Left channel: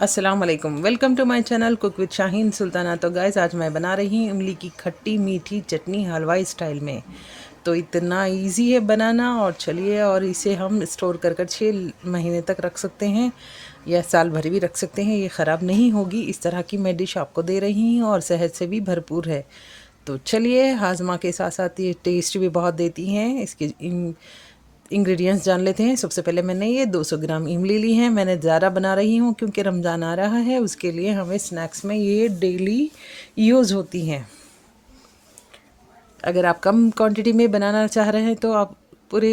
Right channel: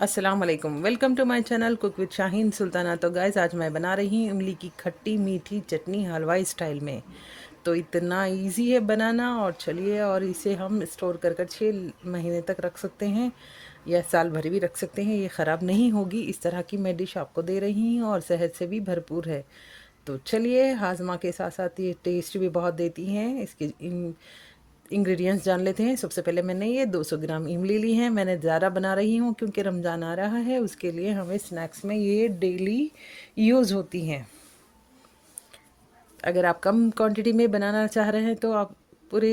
अस्सलाम वालेकुम, welcome to my channel cook with Shaheen Sultana. तो गाइस, आज मैं बना रही हूँ इमली की खट्टी मीठी चटनी हलवाई स्टाइल में। तो इतना इजी है बनाना, और चलिए, और इसे हम स्टोर कर 6 महीने तक रख सकते हैं या साल भर भी रख सकते हैं। ये ख़राब नहीं होगी। इस तरह की मैं डिश आपको दे रही हूँ और सेहत से भी भरपूर है। तो चलिए, हाजमा के साथ साथ ये टेस्ट भी बहुत देती हैं। इसके इंग्रेडिएंट्स जान लेते हैं। सबसे पहले मैंने ये 200 ग्राम इमली ली है। मैंने ज़्यादा बना रही हूँ क्योंकि रमज़ान आ रहा है, उसके लिए हमें स्नैक्स में ये डेली यूज़ होती हैं। अगर आप कम क्वांटिटी में बनाना चाह रहे हैं तो आप पूरे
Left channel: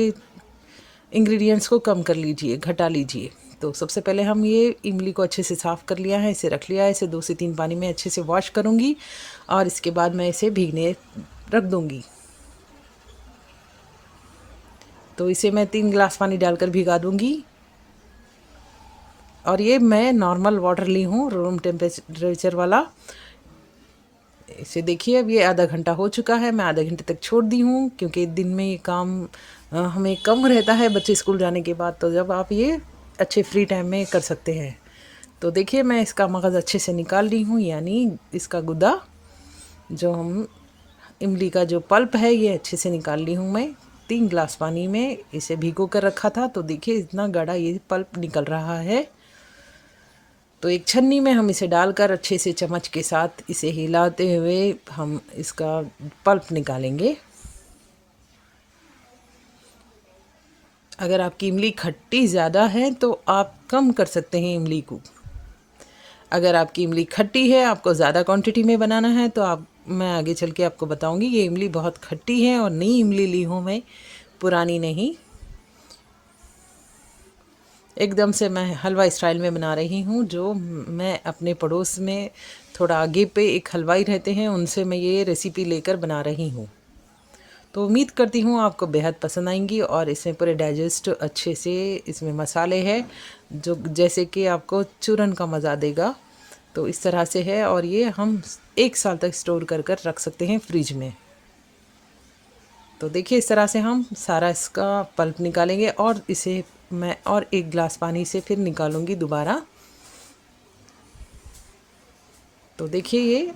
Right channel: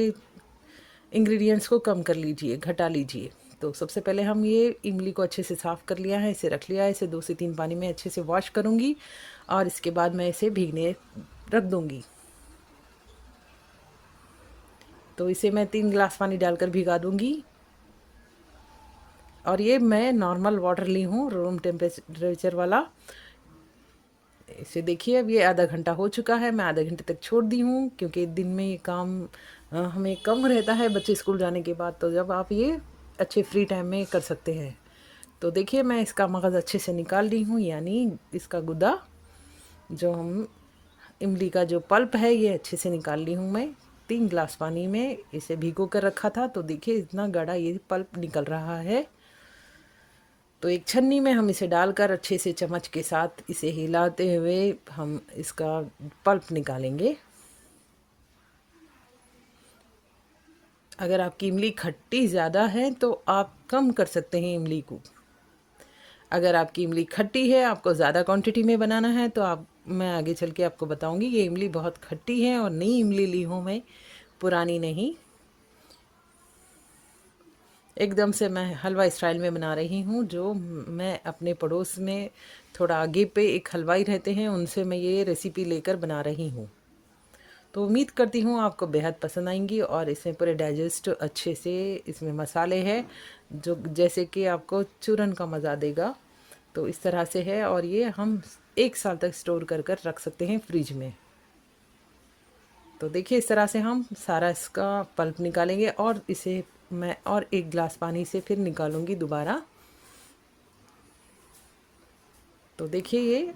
इंग्रेडिएंट्स को कम कर लीजिए, घटा लीजिए। तो सबसे पहले हम ये इमली को अच्छे से साफ़ कर लिया है, इसे रख लिया है। इसे 2 से 3 पानी में अच्छे से वॉश करूँगी और इसके बाद मैं इसे भीगने रख दूँगी। तो इसे मैं 3 गिलास पानी डालकर भिगा दूँगी। और ये मैं नॉर्मल वाटर ली हूँ, रूम टेम्परेचर वाला। इसे देखिए, अब ये आधा घंटा हो चुका है। मैं आधे घंटे तक छोड़ दी हूँ क्योंकि दिन में ये काम हमें कम रहता है बच्चे स्कूल जाने के बाद। तो जब आप ये अच्छे फ्री टाइम में कर सकते हैं। तो देखिए, मैं इसका मगज़ अच्छे से निकाल ली हूँ, यानी इसका गुदा, जो हम इमली का जो पल्प है, ये अच्छे से निकाल ली हूँ मैं। 3 गिलास पानी में इसे भिगो कर रखा था। तो देखिए, इतना गाढ़ा ये पल्प निकल रहा है। तो एक छन्नी में हम इसे डालकर अच्छे से चम्मच के साथ इसे हिलाते हुए हम इसका पल्प निकालेंगे। अगर आपकी इमली खट्टी ज़्यादा है तो आप कम कर सकते हैं इमली को। अगर आपकी इमली खट्टी है, आपको ज़्यादा क्वांटिटी में बनाना है, तो मैं आगे चल के आपको बताऊंगी। ये इमली बहुत खट्टी है और नई इमली ली हूँ मैं, पुरानी नहीं। एकदम से मैं हलवा स्टाइल में बना रही हूँ। जो मैं अपने पड़ोस में थोड़ा आगे पे एक हलवाई रहते हैं, उनसे मैं ये रेसिपी लेकर बना रही हूँ। तो उम्मीद करती हूँ आपको बेहद पसंद आएंगी। और इसमें पूरे डाइजेस्ट अच्छे से, इसमें मसाले हैं जो जैसे कि आपको चूरन का मज़ा देगा। तो इस तरह से है, और ये हम 1 साल तक स्टोर कर कर रख सकते हैं फ्रिज में। तो देखिए, इस तरह से हम सारा इसका पल्प निकालेंगे और इसे मैं और 1 गिलास पानी से फिर निकालूंगी दोबारा। तो देखिए, ये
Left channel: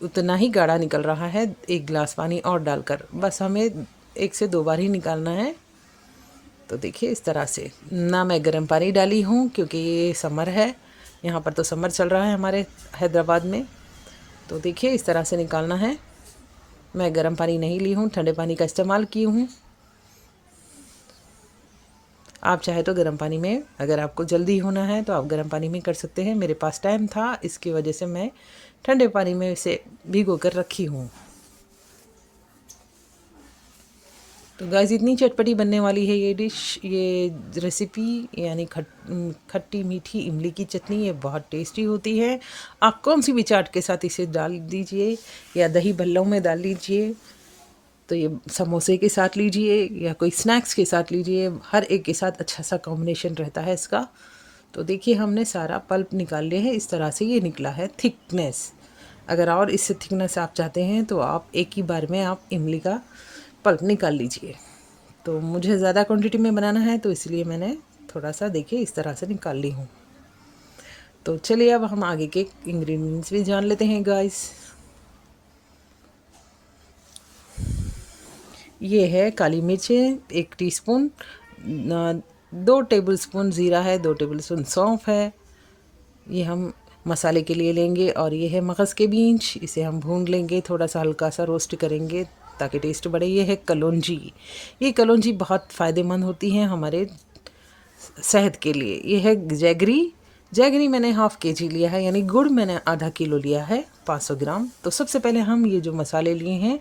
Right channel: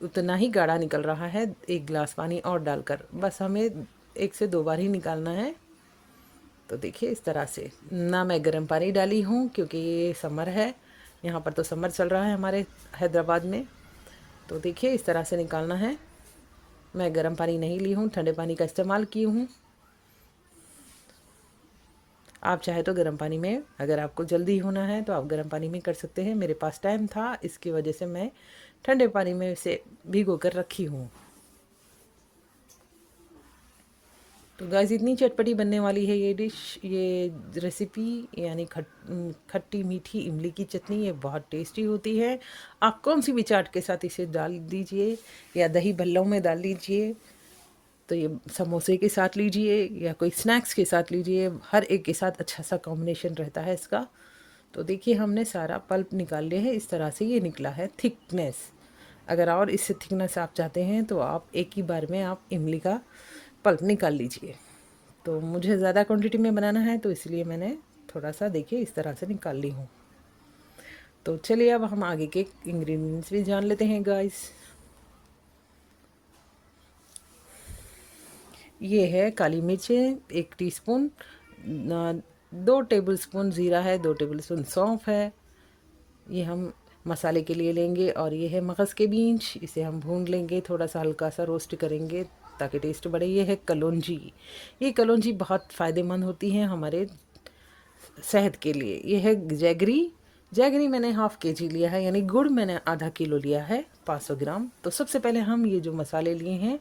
उतना ही गाढ़ा निकल रहा है। 1 गिलास पानी और डालकर बस हमें 1 से 2 बार ही निकालना है। तो देखिए, इस तरह से। ना मैं गर्म पानी डाली हूँ क्योंकि ये समर है, यहाँ पर तो समर चल रहा है हमारे हैदराबाद में। तो देखिए, इस तरह से निकालना है। मैं गर्म पानी नहीं ली हूँ, ठंडे पानी का इस्तेमाल की हूँ। आप चाहे तो गर्म पानी में, अगर आपको जल्दी होना है तो आप गर्म पानी में कर सकते हैं। मेरे पास टाइम था, इसकी वजह से मैं ठंडे पानी में इसे भिगो कर रखी हूँ। तो गाइस, इतनी चटपटी बनने वाली है ये डिश, ये रेसिपी, यानी खट्टी मीठी इमली की चटनी। ये बहुत टेस्टी होती है। आप कौन सी भी चाट के साथ इसे डाल दीजिए, या दही भल्लों में डाल लीजिए, तो ये समोसे के साथ लीजिए या कोई स्नैक्स के साथ लीजिए, हर एक के साथ अच्छा सा कॉम्बिनेशन रहता है इसका। तो देखिए, हमने सारा पल्प निकाल लिया है। इस तरह से ये निकला है थिकनेस। अगर और इससे थिकनेस आप चाहते हैं तो आप एक ही बार में आप इमली का पल्प निकाल लीजिए। तो मुझे ज़्यादा क्वांटिटी में बनाना है, तो इसलिए मैंने थोड़ा सा, देखिए, इस तरह से निकाल ली हूँ। तो चलिए, अब हम आगे के इंग्रेडिएंट्स भी जान लेते हैं गाइस। ये है काली मिर्चें 1 टीस्पून, 2 टेबलस्पून ज़ीरा है, 2 टेबलस्पून सौंफ है, ये हम मसाले के लिए लेंगे। और ये है मगज़ के बीज, इसे हम भून लेंगे, थोड़ा सा हल्का सा रोस्ट करेंगे ताकि टेस्ट बढ़े। ये है कलौंजी। ये कलौंजी बहुत फ़ायदेमंद होती हैं हमारे सेहत के लिए। ये है जैगरी। जैगरी मैंने ½ kg लिया है, यानी गुड़ मैंने आधा किलो लिया है, 500 ग्राम। तो सबसे पहले हम ये जो मसाले लिए हैं,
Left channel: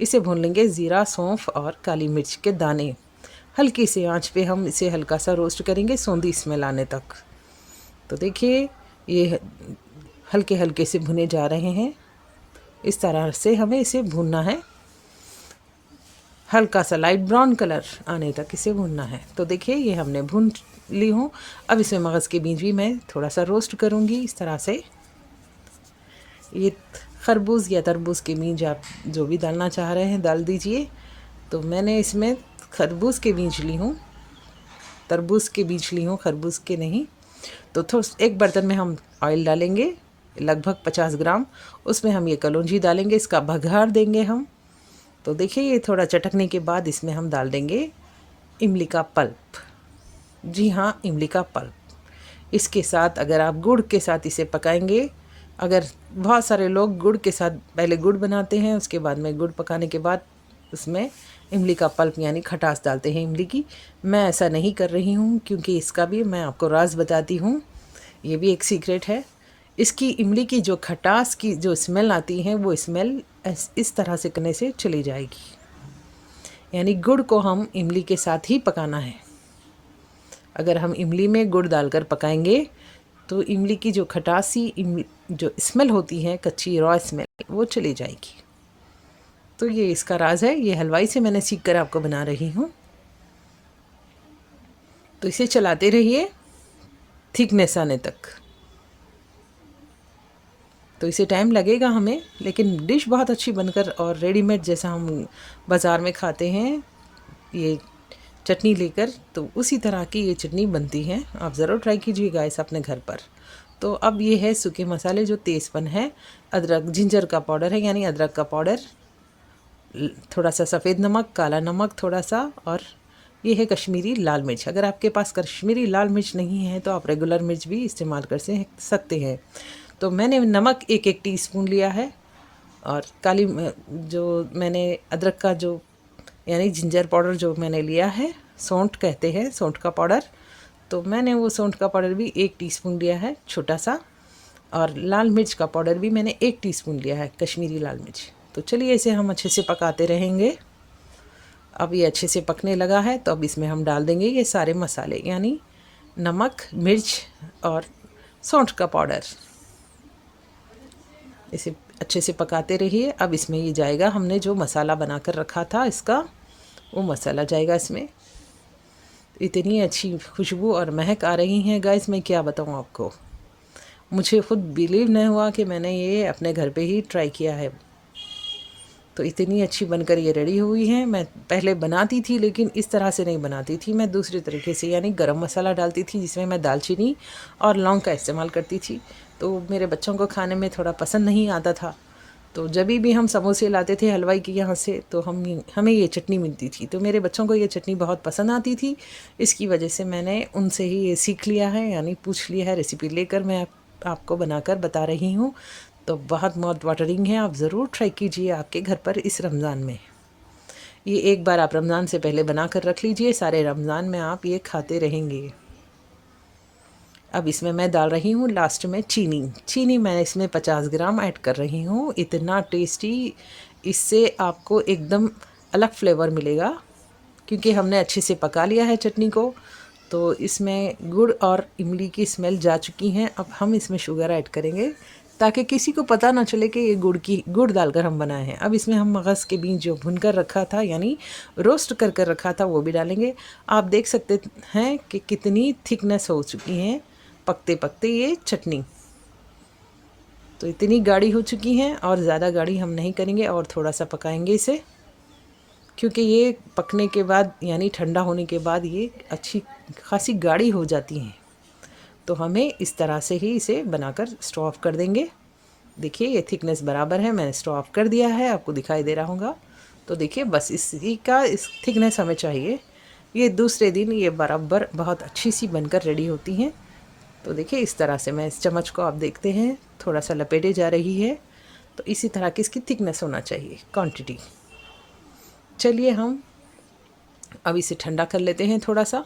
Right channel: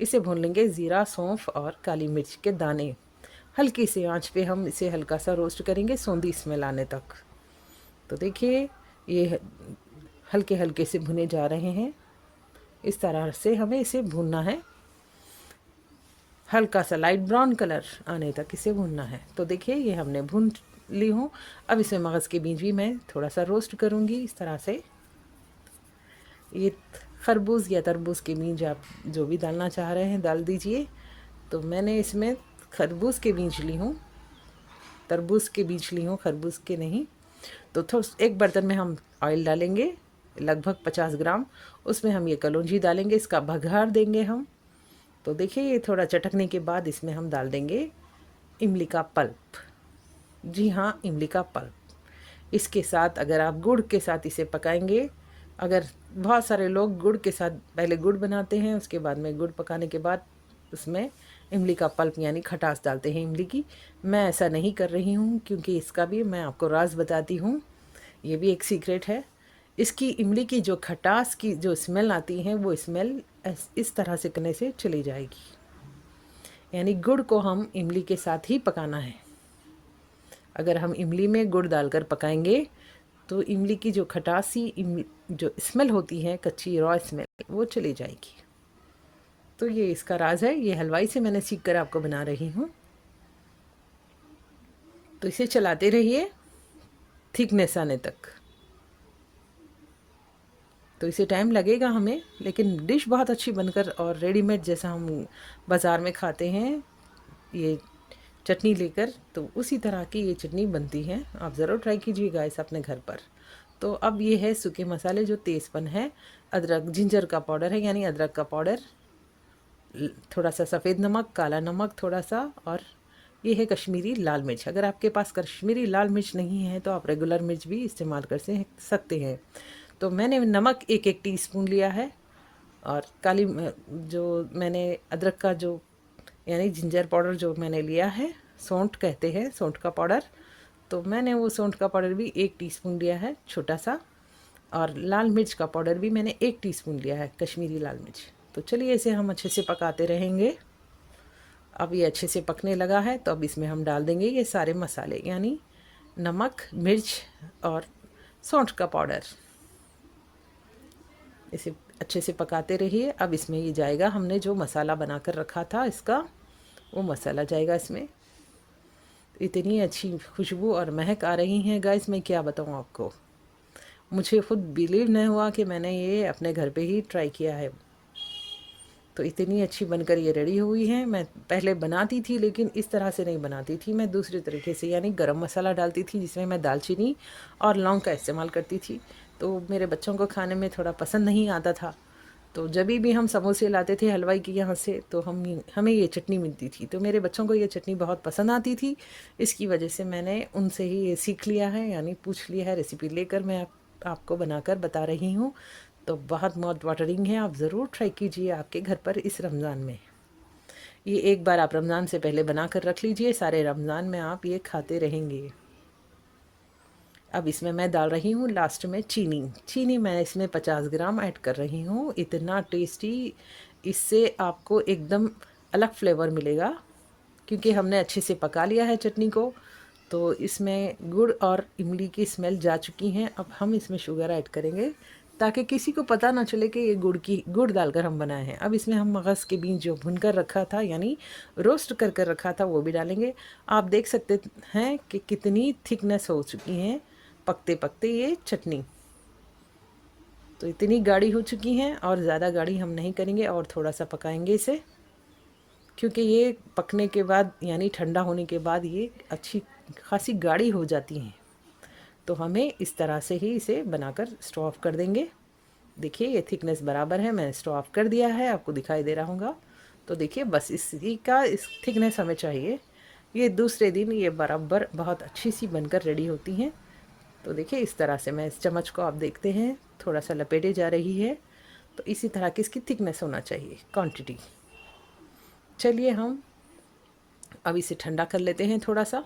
इसे भून लेंगे। ज़ीरा, सौंफ और काली मिर्च के दाने, हल्की सी आंच पे हम इसे हल्का सा रोस्ट करेंगे, सौंधी स्मेल आने तक। तो देखिए, ये हल्के हल्के से भुने जा रहे हैं। इस तरह से हमें इसे भूनना है, हल्का सा लाइट ब्राउन कलर आने तक इसे भूनना है। तो देखिए, ये हमने भून ली हूँ। अब इसमें मगज़ के बीज भी मैं थोड़ा सा रोस्ट करूँगी इस तरह से। ये खरबूज या तरबूज के बीज आप जो भी डालना चाह रहे हैं डाल दीजिए। तो मैंने इसमें खरबूज के बीज ली हूँ, तरबूज के बीज ली हूँ, खरबूज के नहीं। तो एक बर्तन में हम ऑयल डालेंगे लगभग 50 ग्राम, उसमें हम ये कलौंजी डालेंगे, इसका बघार देंगे हम। तो देखिए ये थोड़ा चटकने के बाद इसमें हम डाल देंगे इमली का पल्प। जी हाँ, इमली का पल्प। इसके साथ अगर आप गुड़ के साथ इसे पकाएंगे, अगर बहुत सारे लोग गुड़ के साथ पहले गुड़ बनाते हैं, उसके बाद में गुड़ पकाने के बाद उसमें इमली का पल्प यानी खटास डालते हैं इमली की। मैं ऐसा नहीं कर रही हूँ, क्योंकि इसका भी मैं आपको राज बताती हूँ, ये भी एक सीक्रेट है। इसकी इमली की जो खटास की जो स्मेल आती है, वो स्मेल इस तरह से करने से चली जाएगी। यानी गुड़ को हम इमली के साथ ही पकाना है। अगर हम इमली में गुड़ डालकर पकाएंगे तो इमली की जो खटासी जो स्मेल होती है, कच्ची रॉ स्मेल, वो चली जाएगी। तो ये इसका राज है, ये हलवाई से मैंने सीख कर आपको बना रही हूँ। तो इसे चलाते रहिए थिकनेस आने तक। तो इसे टाइम लगेगा हमें, लेकिन डिश बहुत अच्छी बनकर और रेडीमेड जैसा हम बाज़ार में खाते हैं ये चटनी लेकर, तो उसी तरह की ये चटनी बनती है। आप ज़रूर ट्राई कीजिएगा इस अपने घर पर। तो अब ये है सूखे मसाले, जो तेज़पन है, अदरक जिंजर का पाउडर है यानी अदरक का पाउडर, थोड़ा सा सफ़ेद नमक, काला नमक थोड़ा सा, और ये है कश्मीरी लाल मिर्च। अगर आपके पास कश्मीरी लाल मिर्च नहीं है तो आप रेगुलर मिर्च भी इस्तेमाल कर सकते हैं। तो मैंने नमक एक टीस्पून लिया है, और काली जो मैंने अदरक का जो यानी जिंजर पाउडर जो मैंने लिया है, सौंठ कहते हैं, सौंठ का पाउडर, तो मैंने वो सौंठ का पाउडर भी 1 टीस्पून लिया है छोटा सा, और लाल मिर्च का पाउडर भी मैंने 1 टीस्पून लिया है, कश्मीरी लाल मिर्च। तो चलिए इसे हम अच्छे से पकाते रहेंगे। अब ये अच्छे से पकने लगा है, तो अब इसमें हम डाल देंगे ये सारे मसाले, यानी नमक, मिर्च और सौंठ का पाउडर। इसे अच्छे से पकाते रहिए। अब इसमें ये जाएगा हमने जो मसाला बनाकर रखा था इसका, वो मसाला जाएगा इसमें। इतनी अच्छी खुशबू और महक आ रही है गाइस, मैं क्या बताऊँ आपको। मुझे खुद बिलीव नहीं हुआ कि मैंने ये अपने घर पे ही ट्राई किया है। तो इतनी अच्छी बनकर ये रेडी हुई है। मैं पहले बनाती थी, लेकिन इस तरह से नहीं बनाती थी, मैं दूसरे तरीके से, यानी गरम मसाला डालती थी जिसमें मैं दालचीनी और लौंग का इस्तेमाल करती थी। तो मेरे बच्चों को खाने में थोड़ा पसंद नहीं आता था। तो जब भी हम समोसे लाते थे हलवाई के यहाँ से, तो हमें ये चटनी मिलती थी, तो मेरे बच्चों को ये चटनी बहुत पसंद आती थी। इसकी वजह से मैंने उनसे ही ये सीख लिया है, यानी पूछ लिया है, रेसिपी लेकर मैं आपको बनाकर बता रही हूँ। तो बहुत माउथ वाटरिंग है, आप ज़रूर ट्राई कीजिए आपके घर पर इस रमज़ान में। ये एक बार आप रमज़ान से पहले बना कर रख लीजिए, सारे रमज़ान में आप ये खाते रहेंगे। अब इसमें मैं डाल रही हूँ लास्ट में चीनी मैं इसमें 50 ग्राम ऐड कर रही हूँ। इतना टेस्टी, इससे आपको एकदम अलग फ्लेवर मिलेगा, क्योंकि हमने अच्छे से पका लिया है चटनी को। तो इसमें गुड़ और इमली की स्मेल जा चुकी हैं। अब हम इसमें शुगर ऐड करेंगे, ताकि किसी को पता ना चले कि ये गुड़ डालकर हम बनाए हैं। अब इसमें हम मगज़ के बीज जो भुनकर रखा था, यानी रोस्ट कर रखा था, वो भी डालेंगे। आप देख सकते हैं कि कितनी थिकनेस हो चुकी है पकते पकते ये चटनी। तो इतनी गाढ़ी हो चुकी है, और ज़्यादा गाढ़ी हम नहीं करेंगे, और थोड़ा सा पकाएंगे इसे, क्योंकि ये पकने के बाद यानी ठंडा होने के बाद ये अच्छी खासी गाढ़ी हो जाती हैं। तो हमें इस तरह से ही इसे बनाकर स्टोव ऑफ कर देंगे। देखिए ये थिकनेस बराबर है, मैंने स्टोव ऑफ कर दिया है, आपको दिखाई दे रहा होगा। तो देखिए बस इस थिकनेस हमें चाहिए। ये दूसरे दिन ये बराबर बहुत अच्छी सी बनकर रेडी होती हैं। तो देखिए इस तरह से मैं इस चम्मच को, आप देखते हैं थोड़ा सा लपेटे जा रही है। तो इसी तरह की इसकी थिकनेस होना चाहिए, क्वांटिटी। चलिए हम अब इसे ठंडा कर लेते हैं थोड़ा सा।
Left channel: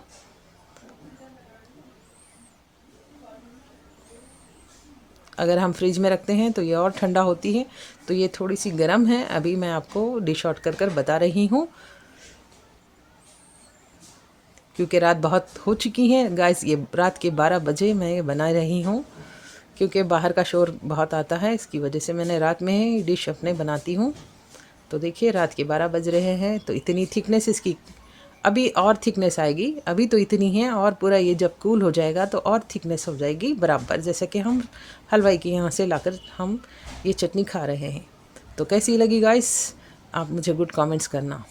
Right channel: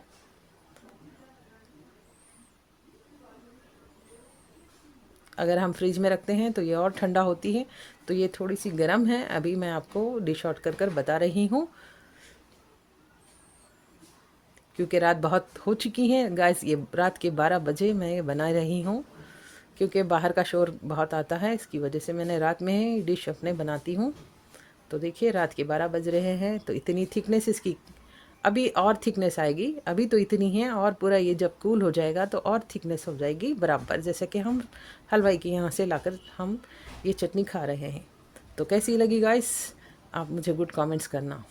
अगर हम फ्रिज में रखते हैं तो ये और ठंडा होती है। तो ये थोड़ी सी गर्म है, अभी मैं आपको डिश आउट कर बता रही हूँ, क्योंकि रात बहुत हो चुकी है गाइस। ये रात के 12 बजे मैं ये बना रही हूँ, क्योंकि बाहर का शोर बहुत आता है, इसकी वजह से मैंने रात में ही डिश अपने बनाती हूँ। तो देखिए रात के 12 बज रहे हैं। तो इतनी थिकनेस इसकी, अभी और थिकनेस आएगी। अभी तो इतनी है, और पूरा ये जब कूल हो जाएगा तो और थिकनेस हो जाएगी बराबर, जैसे कि हम हलवाई के यहाँ से लाकर हम ये चटनी खा रहे हैं। तो कैसी लगी गाइस, आप मुझे गुड कमेंट्स करना।